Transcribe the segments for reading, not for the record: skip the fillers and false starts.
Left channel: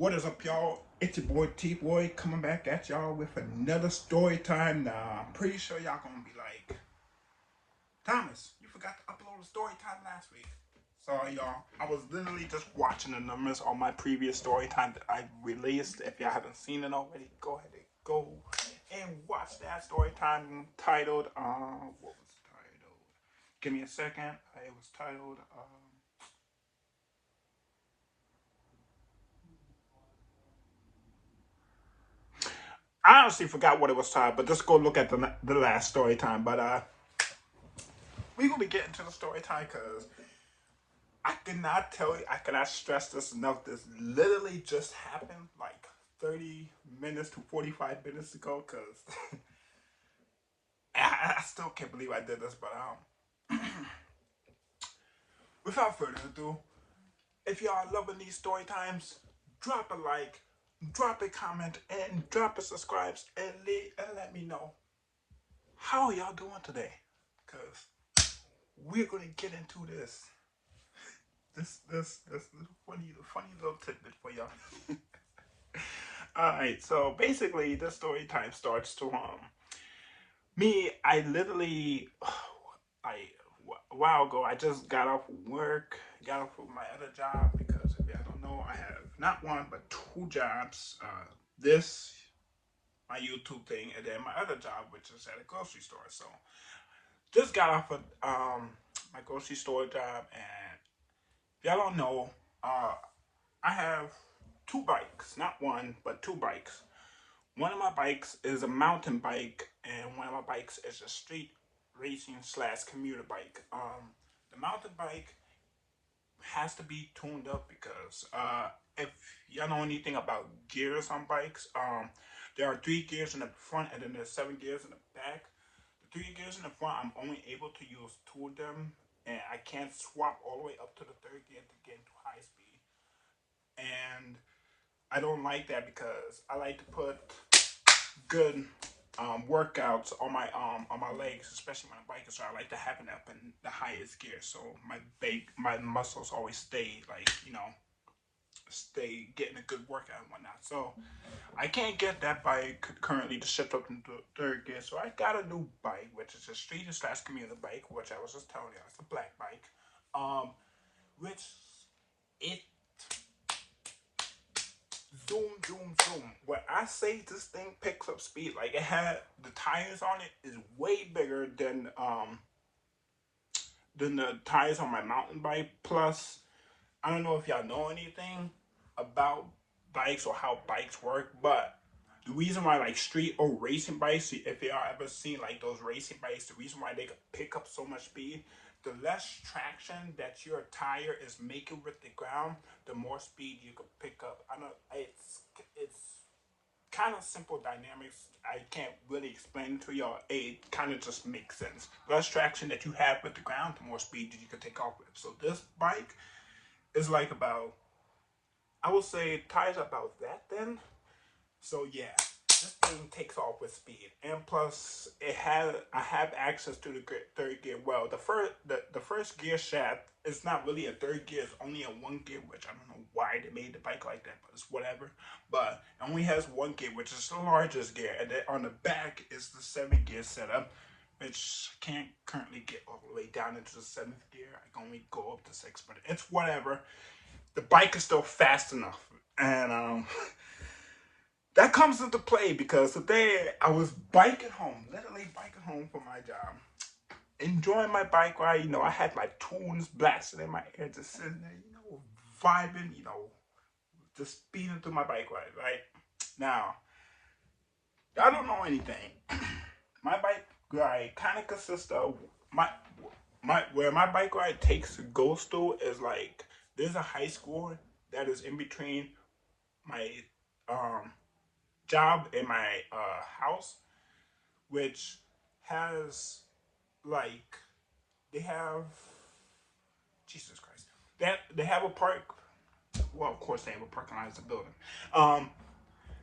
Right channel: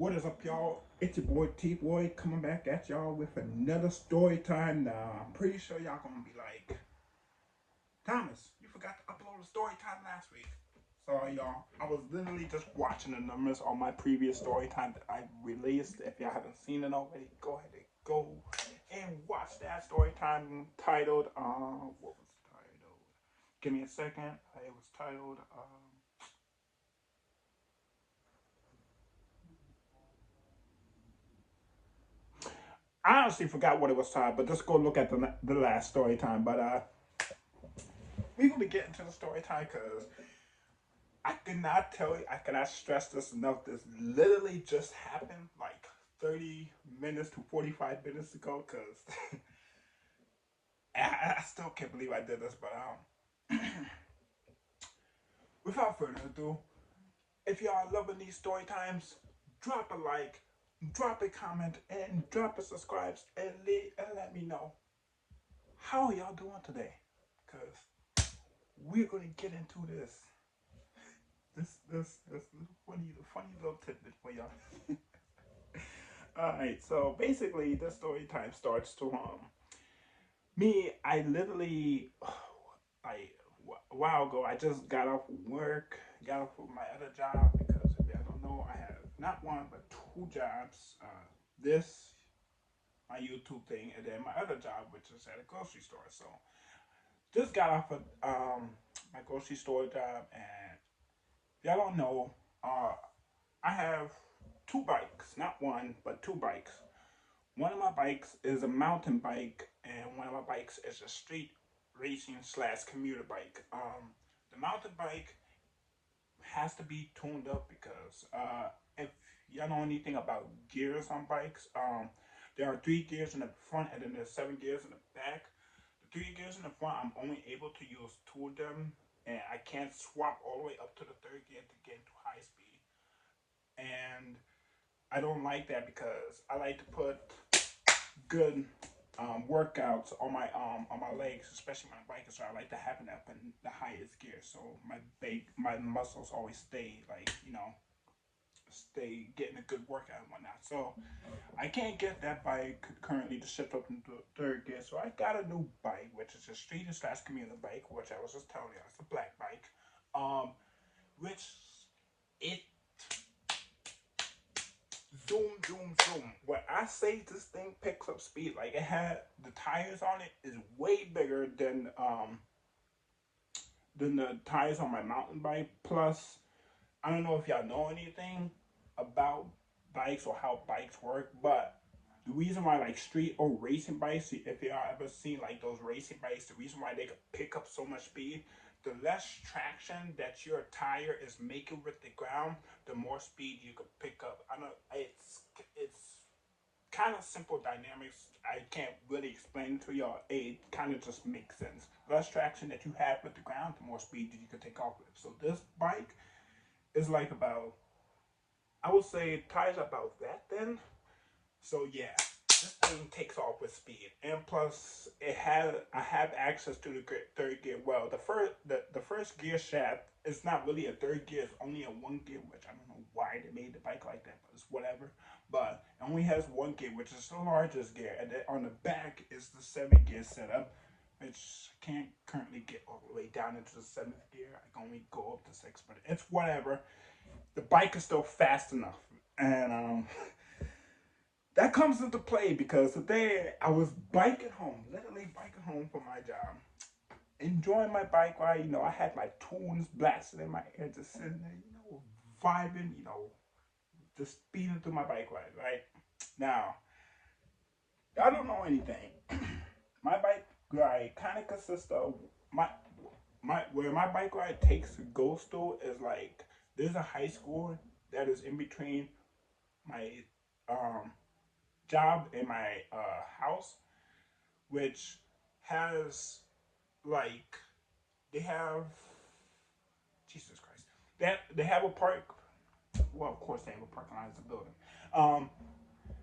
What is up, y'all? It's your boy T-Boy coming back at y'all with another story time. Now, I'm pretty sure y'all gonna be like, Thomas, you forgot to upload a story time last week. Sorry, y'all. I was literally just watching the numbers on my previous story time that I released. If y'all haven't seen it already, go ahead and go and watch that story time titled, what was it titled? Give me a second. It was titled, I honestly forgot what it was titled, but just go look at the last story time. But we're gonna be getting to the story time because I cannot tell you, I cannot stress this enough. This literally just happened like 30 minutes to 45 minutes ago. Because I still can't believe I did this. But without further ado, if y'all loving these story times, drop a like, drop a comment, and drop a subscribe, and let me know how y'all doing today. Because we're gonna get into this funny little tidbit for y'all. All right, so basically, the story time starts to me. I literally, a while ago, I just got off work, got off of my other job because if y'all don't know, I have not one but two jobs. This my YouTube thing, and then my other job, which is at a grocery store. So just got off of my grocery store job, and if y'all don't know, I have two bikes, not one, but two bikes. One of my bikes is a mountain bike, and one of my bikes is a street racing slash commuter bike. The mountain bike has to be tuned up because if y'all know anything about gears on bikes, there are three gears in the front and then there's seven gears in the back. The three gears in the front, I'm only able to use two of them, and I can't swap all the way up to the third gear to get into high speed. And I don't like that because I like to put good workouts on my legs, especially when I'm biking. So I like to have it up in the highest gear, so my muscles always stay like stay getting a good workout and whatnot. So I can't get that bike currently to shift up into third gear. So I got a new bike, which is a street slash commuter bike, which I was just telling you, it's a black bike. Which it zoom, zoom, zoom. When I say this thing picks up speed, like it had the tires on it is way bigger than the tires on my mountain bike. Plus, I don't know if y'all know anything about bikes or how bikes work, but the reason why like street or racing bikes, if y'all ever seen like those racing bikes, the reason why they can pick up so much speed, the less traction that your tire is making with the ground, the more speed you can pick up. I know it's kind of simple dynamics. I can't really explain it to y'all. It kind of just makes sense. The less traction that you have with the ground, the more speed that you can take off with. So this bike is like about, I would say tires about that then. So yeah, this thing takes off with speed, and plus I have access to the third gear. Well, the first gear shaft is not really a third gear; it's only a one gear, which I don't know why they made the bike like that, but it's whatever. But it only has one gear, which is the largest gear, and then on the back is the seven gear setup, which I can't currently get all the way down into the seventh gear. I can only go up to six, but it's whatever. The bike is still fast enough, and that comes into play because today I was biking home, literally biking home from my job, enjoying my bike ride. I had my tunes blasting in my ear, just sitting there, vibing, just speeding through my bike ride. Right now, I don't know anything. My bike ride kind of consists of my where my bike ride goes to is like there's a high school that is in between my um job in my house, which has like they have Jesus Christ. They have a park. Well, of course they have a parking lot as a building. Um,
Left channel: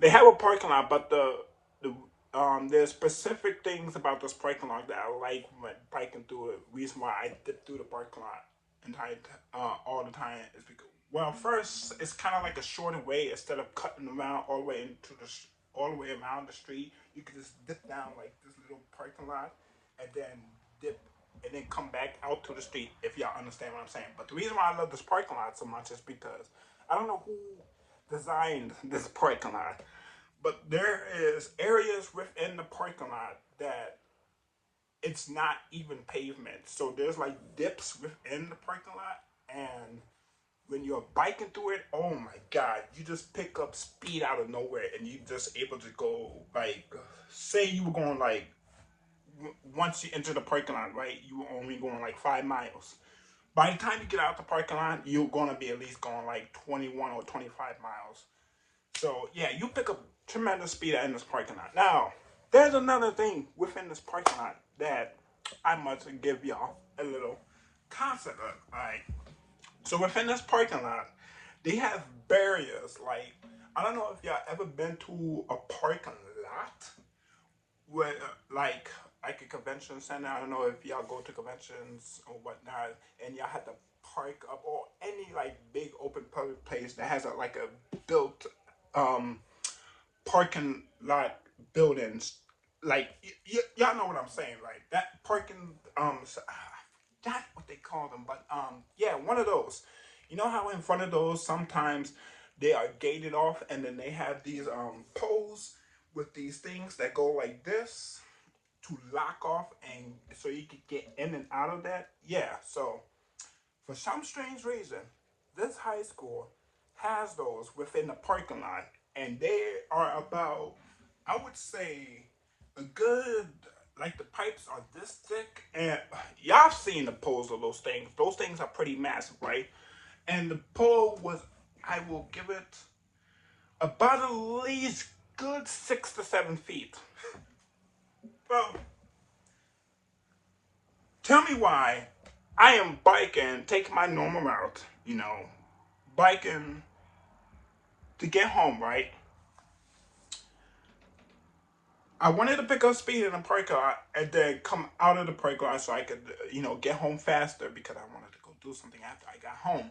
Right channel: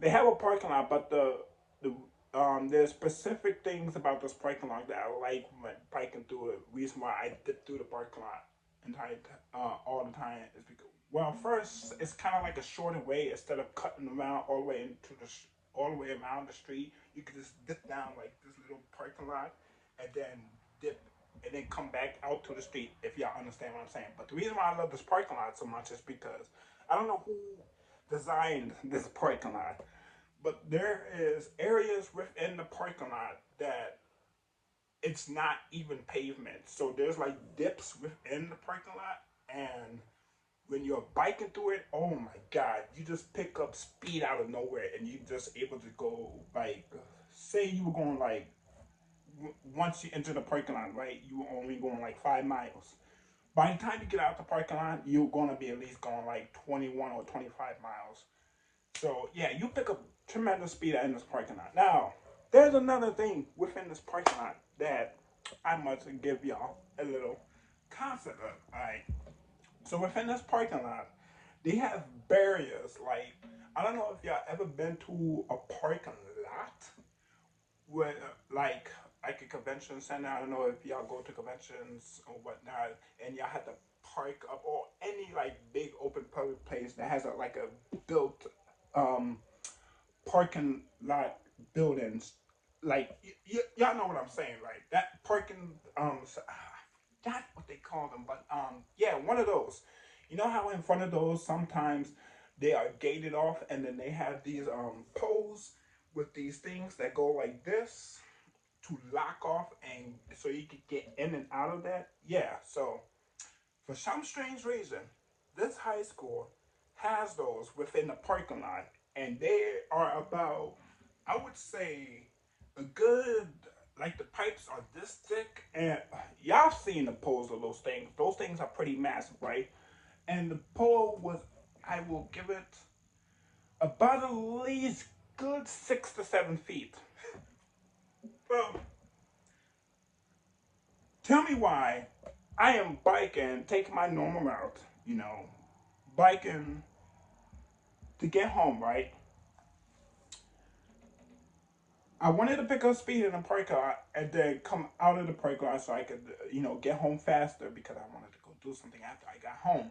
they have a parking lot, but there's specific things about this parking lot that I like when biking through it. Reason why I dip through the parking lot entire all the time is because, well, first it's kind of like a shorter way. Instead of cutting around all the way into the all the way around the street, you could just dip down like this little parking lot and then dip and then come back out to the street, if y'all understand what I'm saying. But the reason why I love this parking lot so much is because I don't know who designed this parking lot, but there is areas within the parking lot that it's not even pavement. So there's like dips within the parking lot, and when you're biking through it, oh my god, you just pick up speed out of nowhere, and you just able to go like, say you were going like, once you enter the parking lot, right, you were only going like 5 miles. By the time you get out the parking lot, you're gonna be at least going like 21 or 25 miles. So yeah, you pick up tremendous speed in this parking lot. Now, there's another thing within this parking lot that I must give y'all a little concept of. Right. So within this parking lot, they have barriers. Like, I don't know if y'all ever been to a parking lot where like a convention center. I don't know if y'all go to conventions or whatnot, and y'all have to park up, or any like big open public place that has a like a built um parking lot buildings. Like y'all know what I'm saying, right? That parking not what they call them, but yeah, one of those. You know how in front of those sometimes they are gated off, and then they have these poles with these things that go like this to lock off, and so you can get in and out of that. Yeah, so for some strange reason, this high school has those within the parking lot, and they are about, I would say, a good, like the pipes are this thick, and y'all have seen the poles of those things. Those things are pretty massive, right? And the pole was, I will give it about at least good 6 to 7 feet. Well, tell me why I am biking, taking my normal route, biking to get home, right? I wanted to pick up speed in the parking lot and then come out of the parking lot so I could, get home faster because I wanted to go do something after I got home.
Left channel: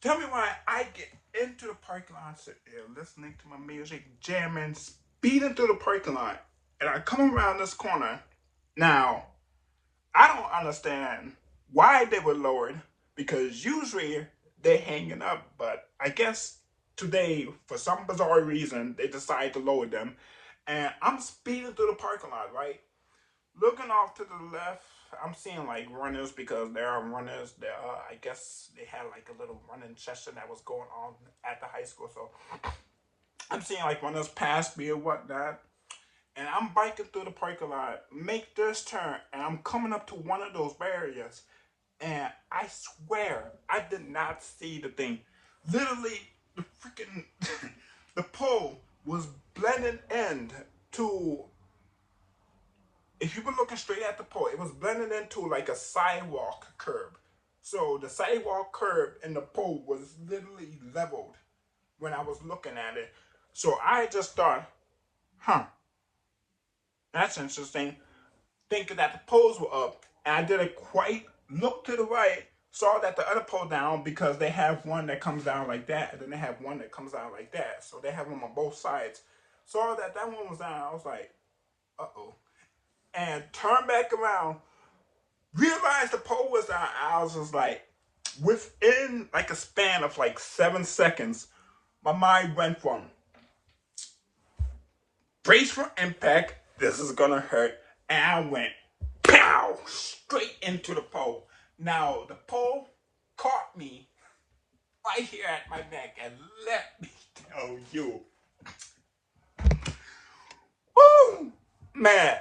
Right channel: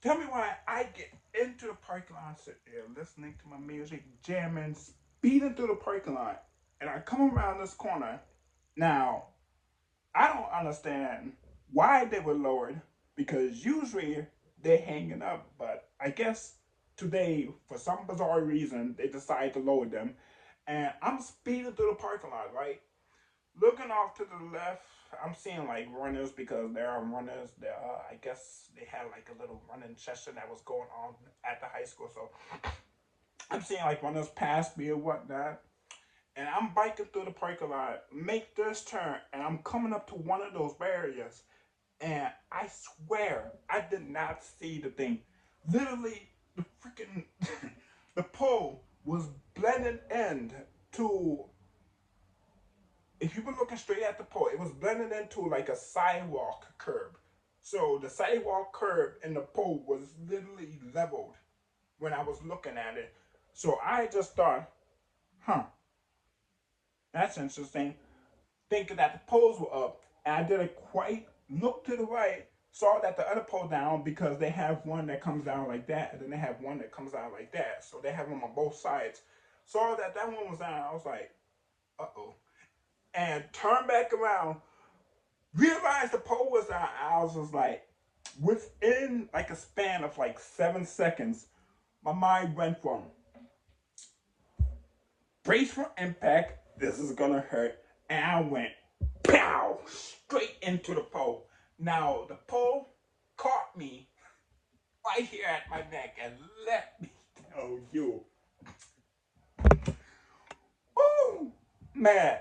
Tell me why I get into the parking lot, sit there listening to my music, jamming, speeding through the parking lot, and I come around this corner. Now, I don't understand why they were lowered because usually they're hanging up, but I guess today, for some bizarre reason, they decided to lower them. And I'm speeding through the parking lot, right? Looking off to the left, I'm seeing like runners because there are runners. There, I guess they had like a little running session that was going on at the high school. So I'm seeing like runners pass me or whatnot, and I'm biking through the parking lot, make this turn, and I'm coming up to one of those barriers, and I swear I did not see the thing. Literally, the freaking the pole was blending in to. If you were looking straight at the pole, it was blending into like a sidewalk curb. So the sidewalk curb and the pole was literally leveled when I was looking at it. So I just thought, huh, that's interesting. Thinking that the poles were up, and I didn't quite look to the right, saw that the other pole down because they have one that comes down like that, and then they have one that comes down like that. So they have them on both sides. Saw that that one was down. I was like, uh-oh. And turned back around, realized the pole was down. I was just like, within like a span of like 7 seconds, my mind went from brace for impact, this is gonna hurt, and I went pow straight into the pole. Now the pole caught me right here at my neck, and let me tell you, woo, man,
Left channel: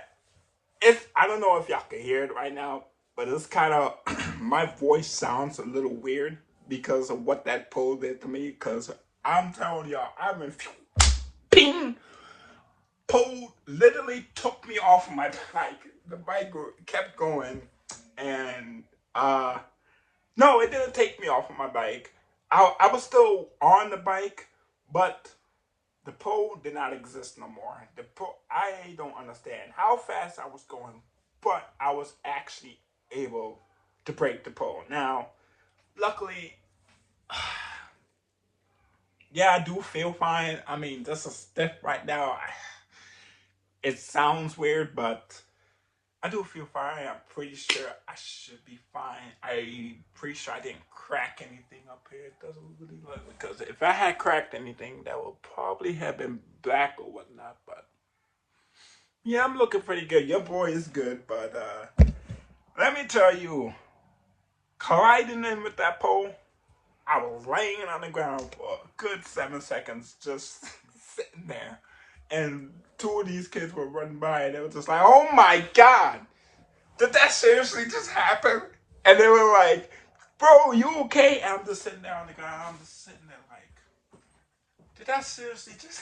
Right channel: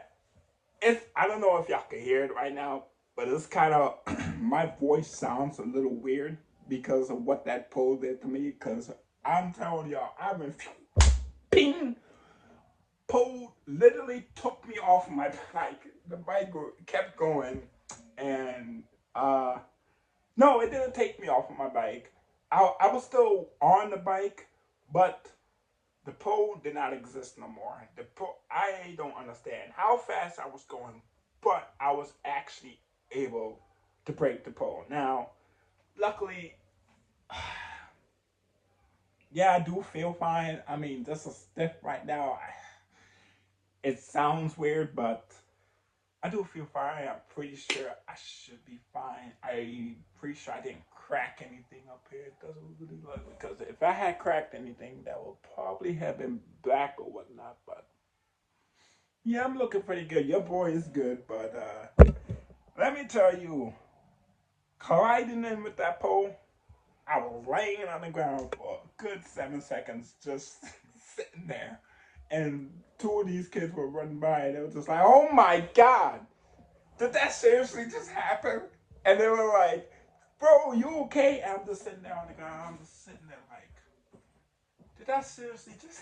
it's, I don't know if y'all can hear it right now, but it's kind of my voice sounds a little weird because of what that pole did to me. Because I'm telling y'all, I went ping. Pole literally took me off of my bike. The bike kept going, and no, it didn't take me off of my bike. I was still on the bike, but the pole did not exist no more. The pole, I don't understand how fast I was going, but I was actually able to break the pole. Now, luckily, yeah, I do feel fine. I mean, this is stiff right now. It sounds weird, but I do feel fine. I'm pretty sure I should be fine. I'm pretty sure I didn't crack anything up here. It doesn't really look, because if I had cracked anything, that would probably have been black or whatnot. But yeah, I'm looking pretty good. Your boy is good, but let me tell you, colliding in with that pole, I was laying on the ground for a good 7 seconds, just sitting there. And two of these kids were running by, and they were just like, "Oh my God, did that seriously just happen?" And they were like, "Bro, you okay?" And I'm just sitting there on the ground. I'm just sitting there like, "Did that seriously just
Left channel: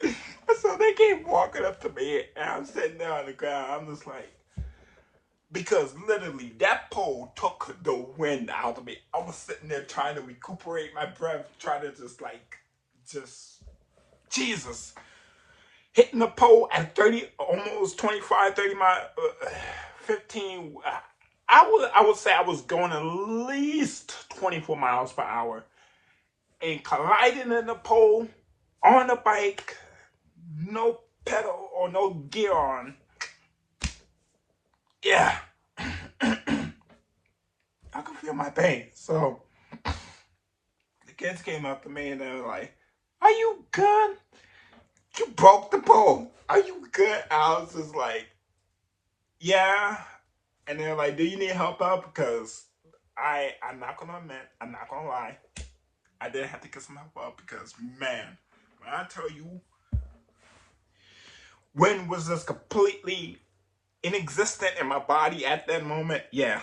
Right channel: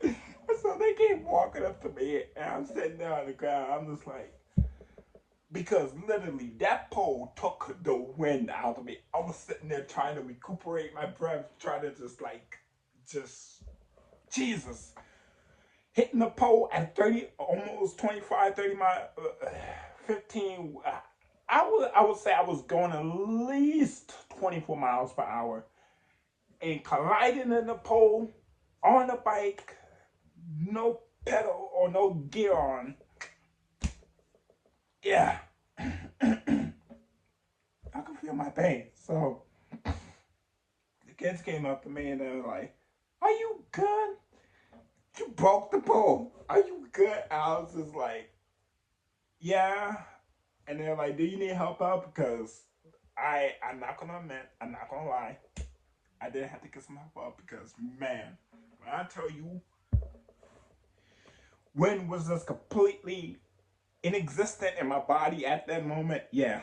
happen?" So they came walking up to me, and I'm sitting there on the ground. I'm just like, because literally that pole took the wind out of me. I was sitting there trying to recuperate my breath, trying to just, Jesus. Hitting the pole at 30, almost 25, 30 miles, 15. I would say I was going at least 24 miles per hour. And colliding in the pole on a bike, no pedal or no gear on. Yeah. I could feel my pain. So the kids came up to me and they were like, "Are you good? You broke the pole. Are you good?" I was just like, "Yeah." And they're like, "Do you need help out?" Because I'm not gonna admit, I'm not gonna lie, I did have to get some help out because, man, when I tell you, wind was just completely inexistent in my body at that moment. Yeah,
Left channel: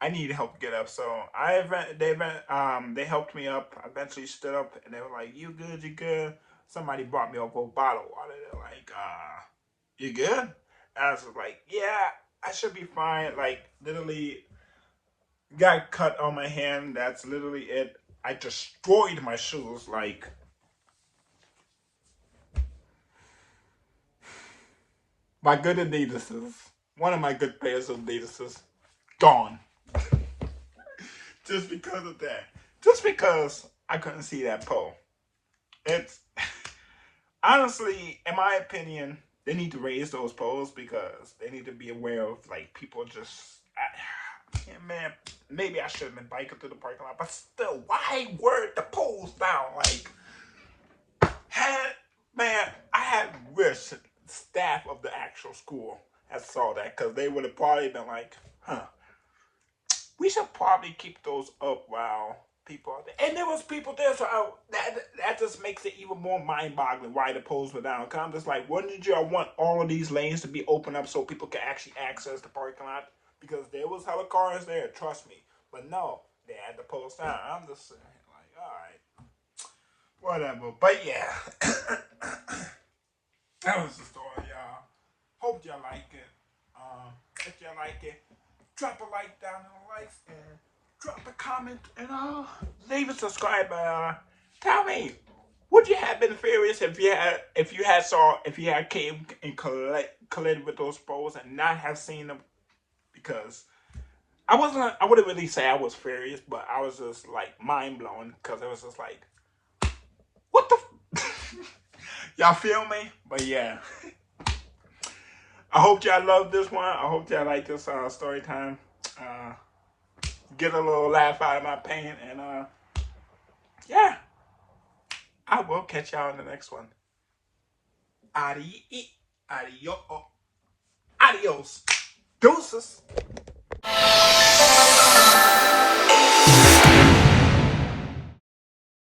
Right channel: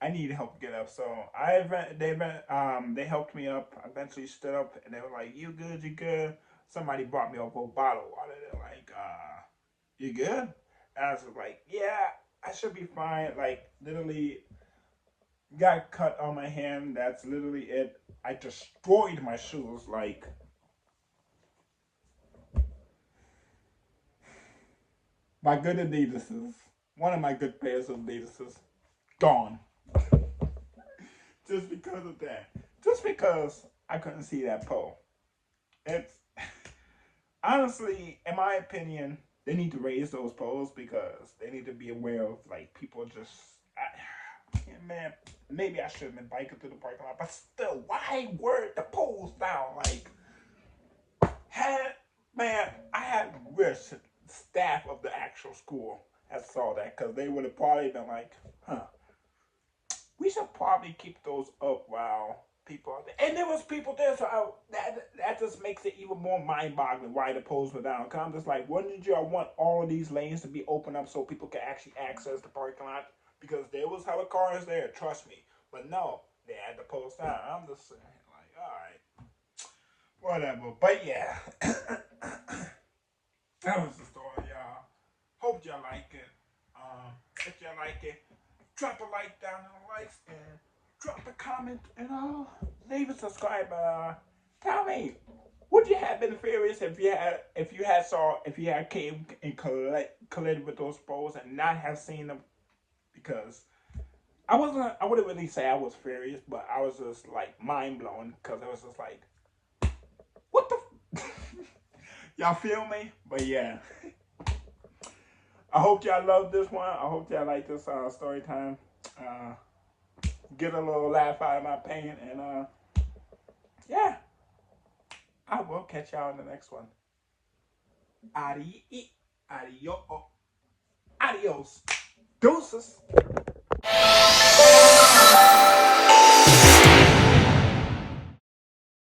I needed help to get up. So they helped me up. I eventually stood up, and they were like, "You good? You good?" Somebody brought me over a bottle of water. They're like, "You good?" And I was like, "Yeah, I should be fine." Like, literally, got cut on my hand. That's literally it. I destroyed my shoes. Like, my good Adidas's, one of my good pairs of Adidas's, gone. Just because of that. Just because I couldn't see that pole. It's honestly, in my opinion, they need to raise those poles because they need to be aware of, like, people just. Yeah, man, maybe I shouldn't have been biking through the parking lot, but still, why were the poles down? Like, had man, I had wished staff of the actual school had saw that, because they would have probably been like, "Huh, we should probably keep those up while people are there." And there was people there, so that just makes it even more mind-boggling why the poles were down. Cause I'm just like, wouldn't you want all of these lanes to be open up so people can actually access the parking lot? Because there was hella cars there, trust me. But no, they had the poles down. I'm just saying, like, all right, whatever. But yeah, that was the story, y'all. Hope y'all like it. If y'all like it, drop a like down in the likes and drop a comment and leave a subscribe. Tell me, would you have been furious if you had came and collided with those poles and not have seen them? Because I wouldn't really say I was furious, but I was just like mind blown because it was just like, what the y'all feel me? But yeah. I hope y'all love this one. I hope y'all like this story time. Get a little laugh out of my pain. And yeah, I will catch y'all in the next one. Adios. Adios. Deuces.